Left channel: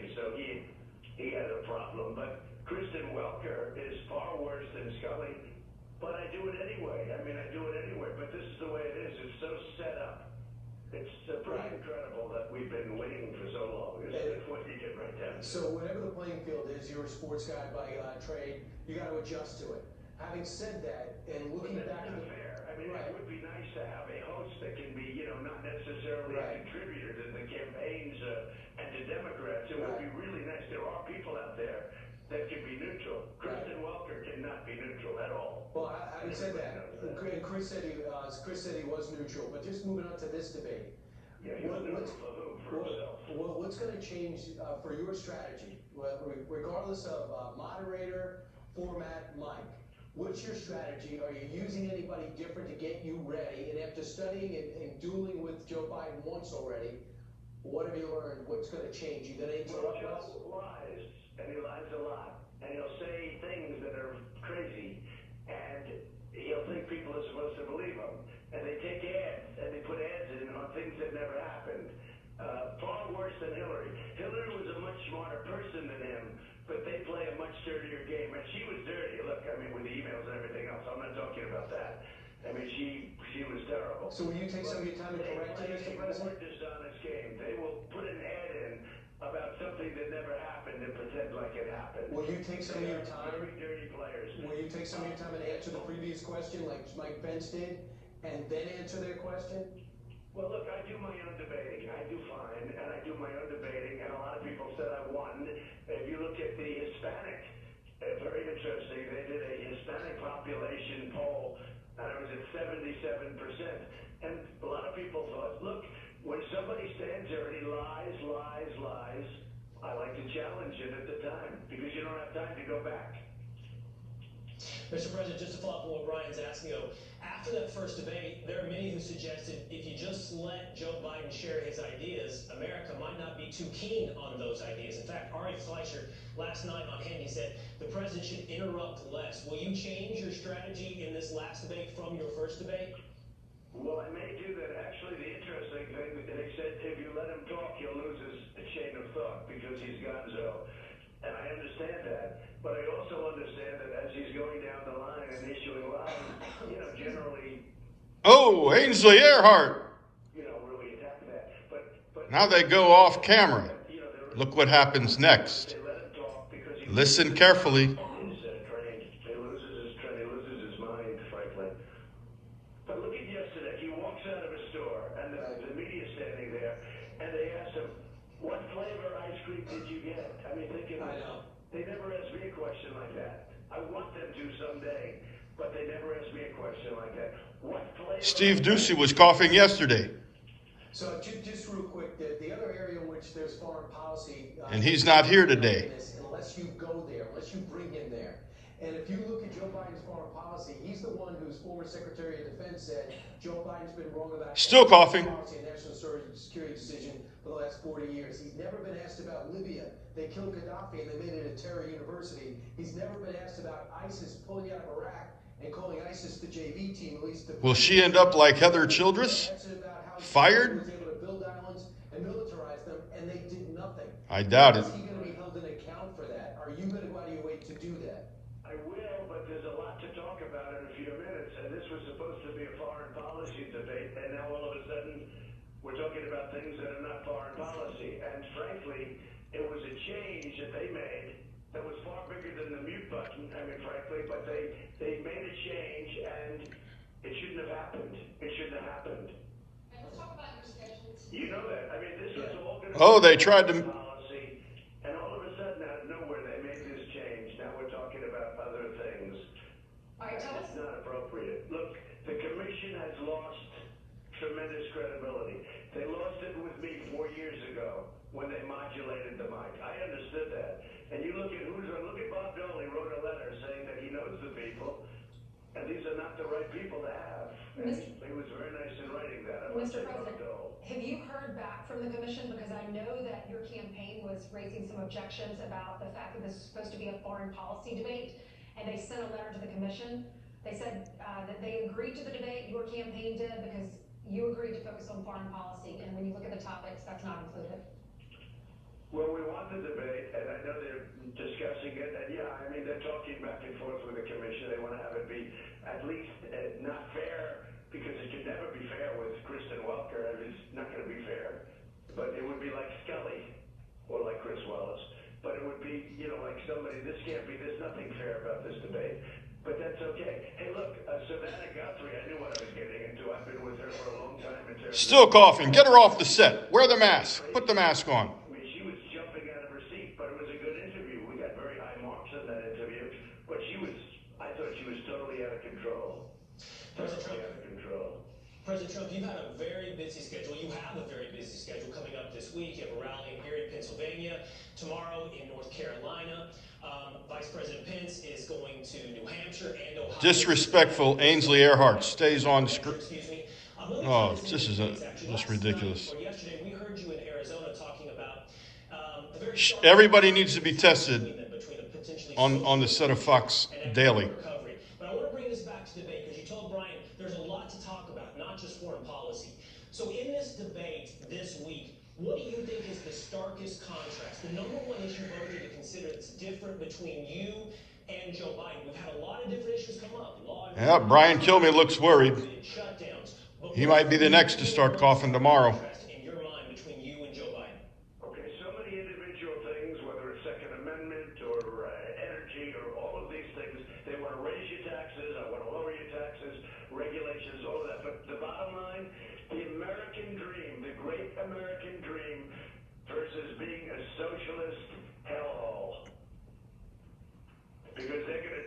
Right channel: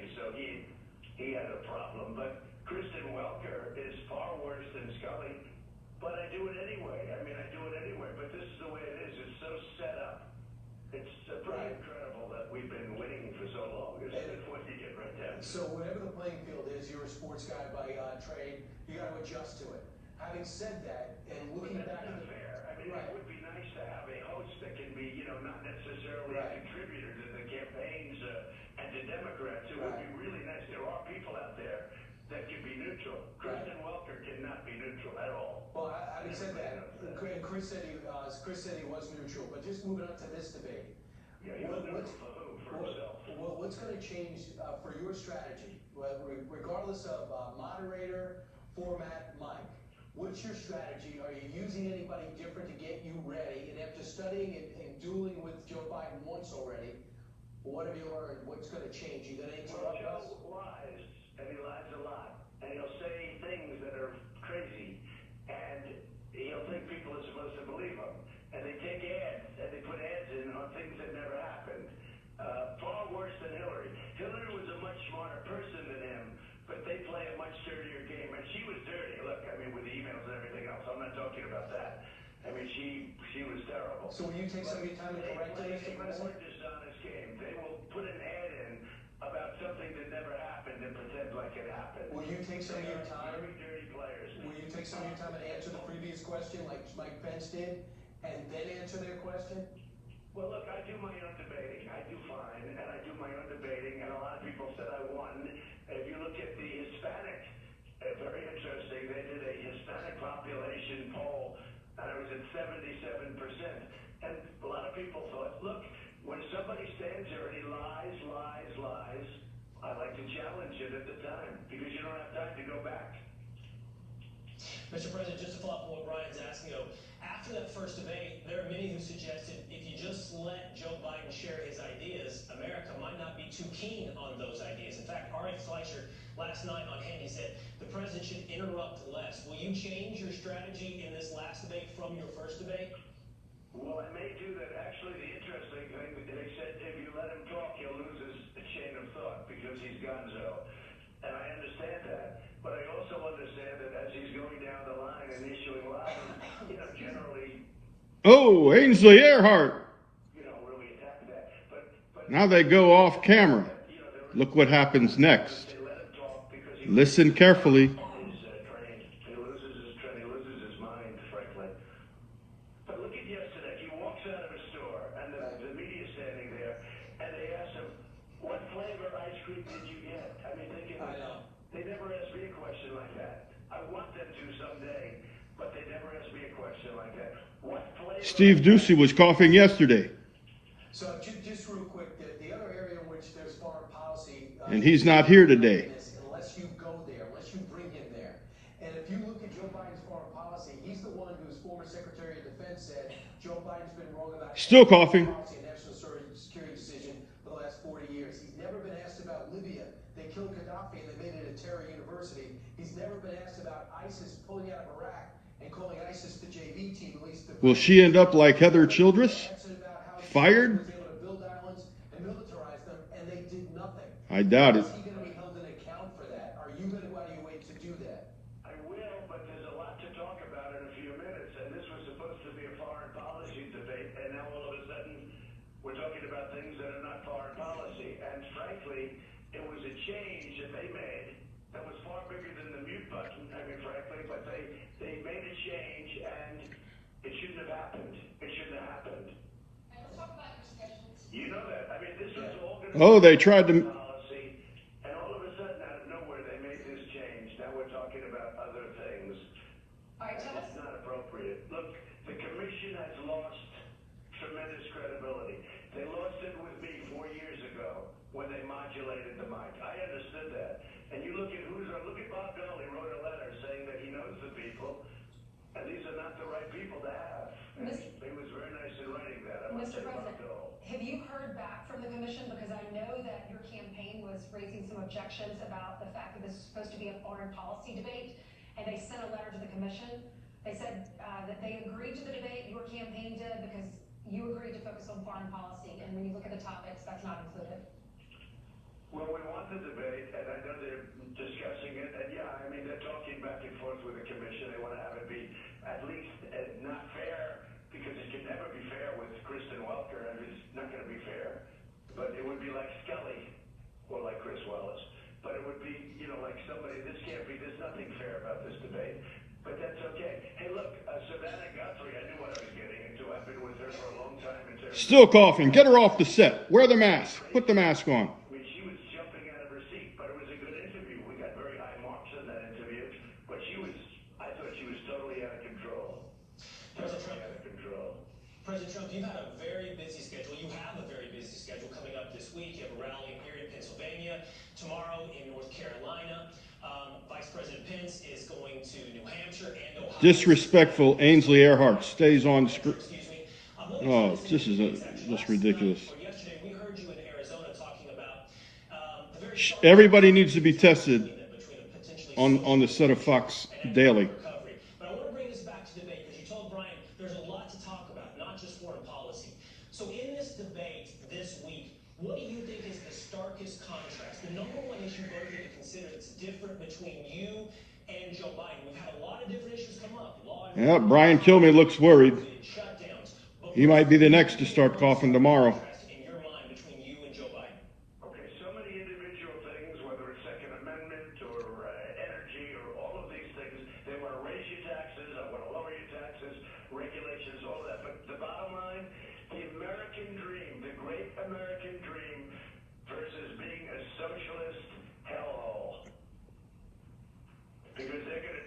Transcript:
and so he had a problem. But Kristen Welker is far worse than Scully, but I do it anyway. I mean, I do it anyway, but this is the way it is. It's so set up. It's pretty incredible that we've been waiting for so long. It's what you get right there. So whatever the playing field is, you're a sports guy by trade, you got to adjust to it. Having said that, and looking back at the fair. I mean, it would be nice to have a host that can be, you know, not necessarily a contributor to the campaigns and to Democrats. It would be really nice. There are people out there that can be neutral. Kristen Welker cannot be neutral at all. Well, having said that, and Chris said he was neutral. But just moving on to this debate, yeah, he was neutral for whom? For himself. Well, what's going to change for your strategy, regardless of moderator, format, mic? What's your strategy? Are you using anybody different to get you ready? And after studying and dueling with Joe Biden once already, what have you learned? What's going to change? You going to interrupt us? Joe lies, and he lies a lot, and he'll say things that are crazy, and he'll think people are supposed to believe him. And they take ads, and they put ads in on things that never happened. Far worse than Hillary. Hillary was a much smarter person than him, but they play a much dirtier game. And she was dirty. Look, I mean, with the emails and everything else. I'm not talking about that. I mean, she was terrible. So will you take some of your time and correct it, Mr. President? They play a more dishonest game. They will put an ad in about something that never happened and pretend like it happened. Will you take some of your time? Very dirty players. Will you take some of your time and answer the previous question like Mike Pence did, and then answer their question? Well, look, I do my own debating. I do fine, and I do my own debating, and a lot of people said I won. If you look at the Hispanic, very interesting, they did a Hispanic population poll, and I was at 77%. And a lot of people thought, look, when somebody stands there and he lies, I like to challenge it at the time, because you don't have time to go back. Mr. President, just to follow up on what Ryan's asking, after that first debate, there are many who suggested if you just let Joe Biden share his ideas, America might not be too keen on those ideas. In fact, Ari Fleischer last night on Handy said the president should interrupt less. Will you change your strategy in this last debate from your first debate? Well, I may do that. Actually, the interesting thing, they said if you let him talk, he'll lose his chain of thought because he's gonzo. And I understand that. But I also understand that as he's going down the line and issuing lines, you know, generally... Oh, Ainsley Earhart. You know, really attack that. But now they go off camera. Look what happens next. Listen carefully. He loses his mind, frankly. But look at yesterday. He walks out of a store, and the media's standing there, and they ask him, what flavor ice cream did you get? I mean, they never asked me a question like that. I want them to someday, but they never asked me a question like that. What flavor? Steve Doocy was coughing yesterday. So just real quick, the other area in which there's foreign policy... and he's not here today. Unless you go there, unless you bring him there. And if you look at Joe Biden's foreign policy, he's the one whose former Secretary of Defense said Joe Biden's been wrong about... Still coughing. ...policy and national security decision for the last 40 years. He's never been asked about Libya. They killed Gaddafi and they made it a terror university. He's never been asked about ISIS pulling out of Iraq and calling ISIS the JV team, at least... Will she end up like Heather Childress? Fired? ...was able to build islands and militarize them, and they did nothing. I doubt it. Is he going to be held in account for that? Are you going to go out of your way to do that? I will, but there's a lot to talk about in a few minutes, and this was supposed to be a foreign policy debate, and now all of a sudden we're talking about things that are not foreign policy. And frankly, it was a change that they made that was far bigger than the mute button, I mean, frankly, but they made a change, and it shouldn't have happened. It shouldn't have happened. And let's talk about your discussions. You know that. I mean, this was all going to Oh, they tried to... policy, and all of a sudden, out of nowhere, they made this change. Now we're talking about other things. All right, tell us. It's not appropriate. Look, the commission has lost tremendous credibility. They lost it with me 4 years ago when they modulated the mic. I understood that. And you look at look at Bob Dole. He wrote a letter saying that he knows the people, and these are not the right people to have. And he was very nice in writing that. Mr. President, have you heard back from the commission? Because I know that your campaign was raising some objections about the fact that this is supposed to be a foreign policy debate, and they sent a letter to the commission. They said that they agreed to the debate, your campaign did, because you agreed to focus on foreign policy, and when you look at the topics, that's not included. Well, we want the debate, and I know they're discussing it, and yeah, I mean, they're talking back and forth with the commission. They want to have it be at least not fair, because it can never be fair with Kristen Welker. I mean, it's not going to be fair. But it would be like Scully, or like Chris Wallace. But it would be, you know, like somebody, there's nothing fair about this debate. But that's okay. Hey, look, Savannah Guthrie, I knew what I was getting into. I've been with her for a long time. Still coughing. Get her off the set. Wear the mask. Put the mask on. I mean, she was jumping out of her seat, but it was a good interview. We got very high marks on that interview. But I thought she was totally out of control. Totally out of control. President Trump, you've had a very busy schedule. You have a very busy schedule coming up this week. You have a rally in Erie, Pennsylvania. Tomorrow in North Carolina. Vice President Pence is going to New Hampshire and Ohio. Disrespectful. Ainsley Earhart stays on screen. Excuse me. Oh, this is just ridiculous. Yesterday, we heard you in Arizona talking about the very Everybody needs to be tested on the set of Fox daily. But I want to bring this back to debate because you told Brian there's a lot to talk about, not just foreign policy. So in this debate this week, what do you think is the starkest contrast? The number one issue both of you to consider that's different between you and Joe Biden. We've had a lot of different issues come up. Yeah, Brian Kilmeade looks worried. He might be the next to start coughing tomorrow. In your mind, between you and Joe Biden. Okay, so many individual things, whether it's Second Amendment or energy or all of these things. They want to raise your taxes, I want to lower your taxes, regulations, all of that. But the bottom line, the American dream, the great American dream versus being a socialist hellhole. Because they're going to